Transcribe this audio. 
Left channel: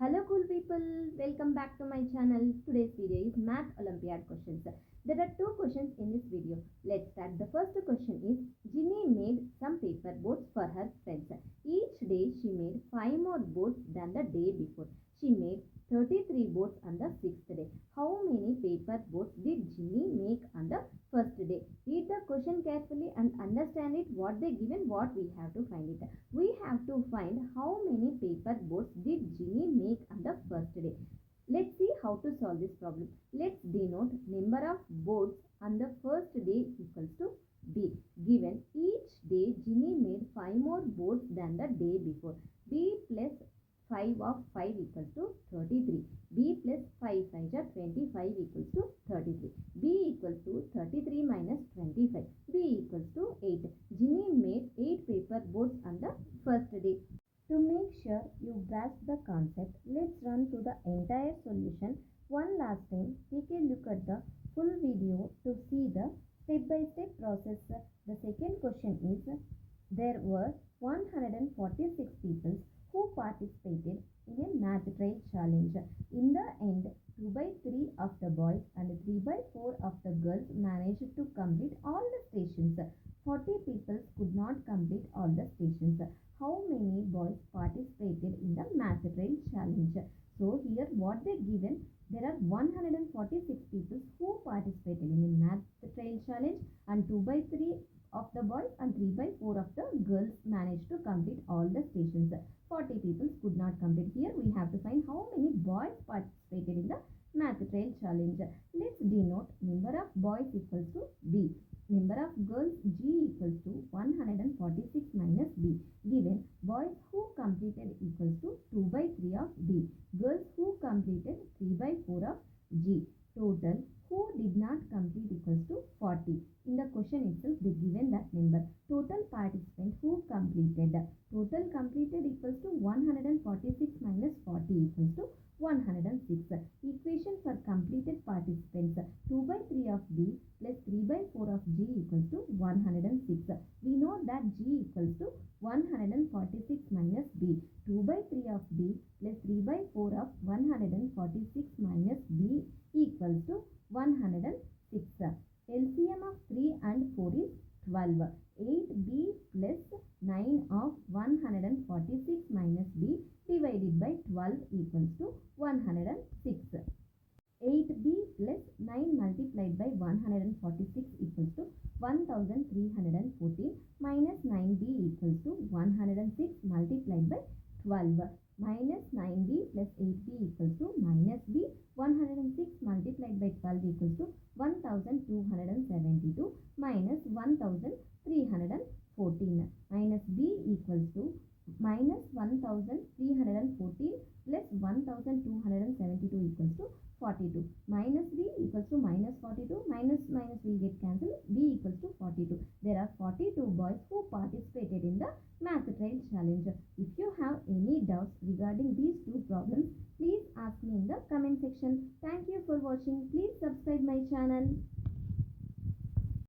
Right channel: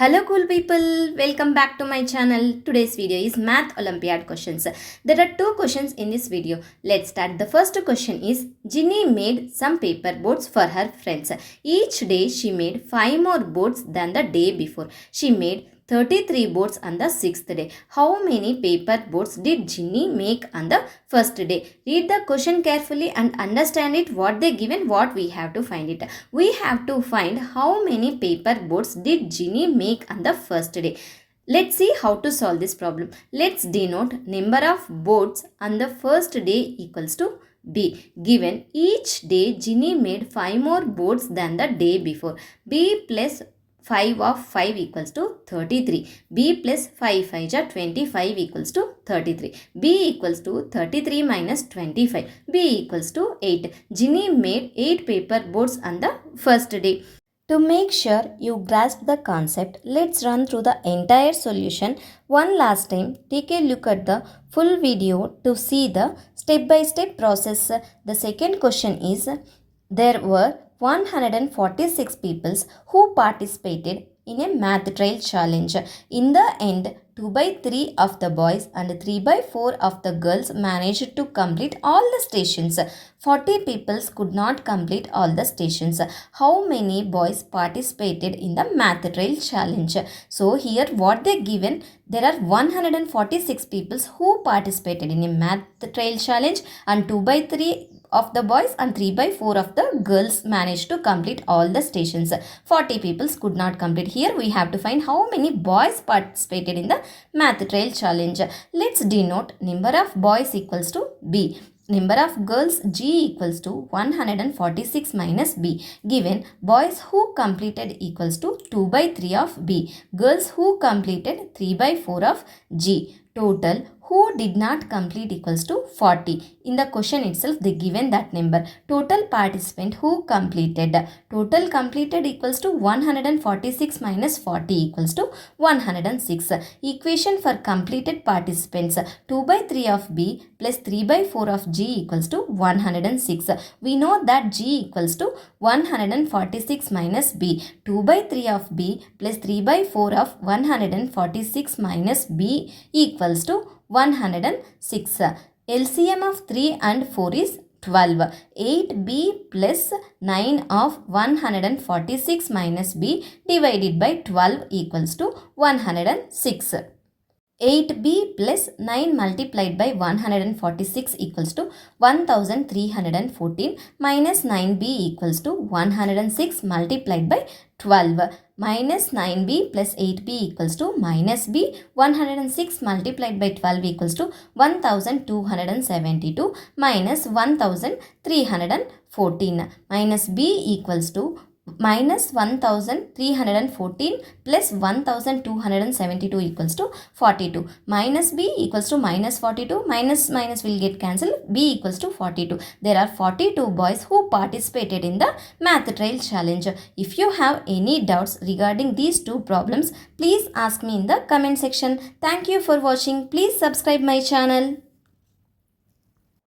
Hello cool people, welcome back to my channel. Today's video is Math Olympiad questions. There are two questions in this video. Let's start. The first question is Ginny made some paper boats for her friends. Each day she made 5 more boats than the day before. She made 33 boats on the 6th day. How many paper boats did Ginny make on the first day? Read the question carefully and understand it, what they given, what we have to find it. We have to find how many paper boats did Ginny make on the first day. Let's see how to solve this problem. Let's denote number of boats on the first day equals to B. Given each day Ginny made 5 more boats than the day before. B plus 5 of 5 equals to 33. B plus 5 5 are 25 equals to 33. B equals to 33 minus 25. B equals to 8. Ginny made 8 paper boats on the first day. To make sure you grasp the concept, let's run through the entire solution one last time. Take a look at the full video to see the step-by-step process. The second question is, there were 146 people who participated in a math trail challenge. In the end, 2 by 3 of the boys and 3 by 4 of the girls managed to complete all the stations. 40 people could not complete all the stations. How many boys participated in the math trail challenge? So here what they given, there are 146 people who participated in a math trail challenge and 2 by 3 of the boys and 3 by 4 of the girls managed to complete all the stations. 40 people could not complete. Here we have to find how many boys participated in the math trail challenge. Let's denote number of boys equals to B. Number of girls G equals to 146 minus B. Given boys who completed equals to 2 by 3 of B. Girls who completed 3 by 4 of G. Total who did not complete equals to 40. In the question itself they given that number. Total participant who completed. Total completed equals to 146 minus 40 equals to 106. Equation for completed participants. 2 by 3 of B plus 3 by 4 of G equals to 106. We know that G equals to 146 minus B. 2 by 3 of B plus 3 by 4 of 146 minus B equals to 106. LCM of 3 and 4 is 12. 8B plus 9 of 146 minus B divided by 12 equals to 106. 8B plus 9 multiplied by 146 equals to 1314 minus 9B equals to 106 multiplied by 12. Minus 9B plus 8B equals to minus B. 106 multiplied by 12 equals to 1272 minus 1314. Minus B equals to minus 1314 plus 1272 equals to 42. Minus B equals to minus 42. Minus will get cancelled. B equals to 42. There are 42 boys who participated in the math trail challenge. If you have any doubts regarding these two problems, please ask me in the comment section. Thank you for watching. Please subscribe my channel.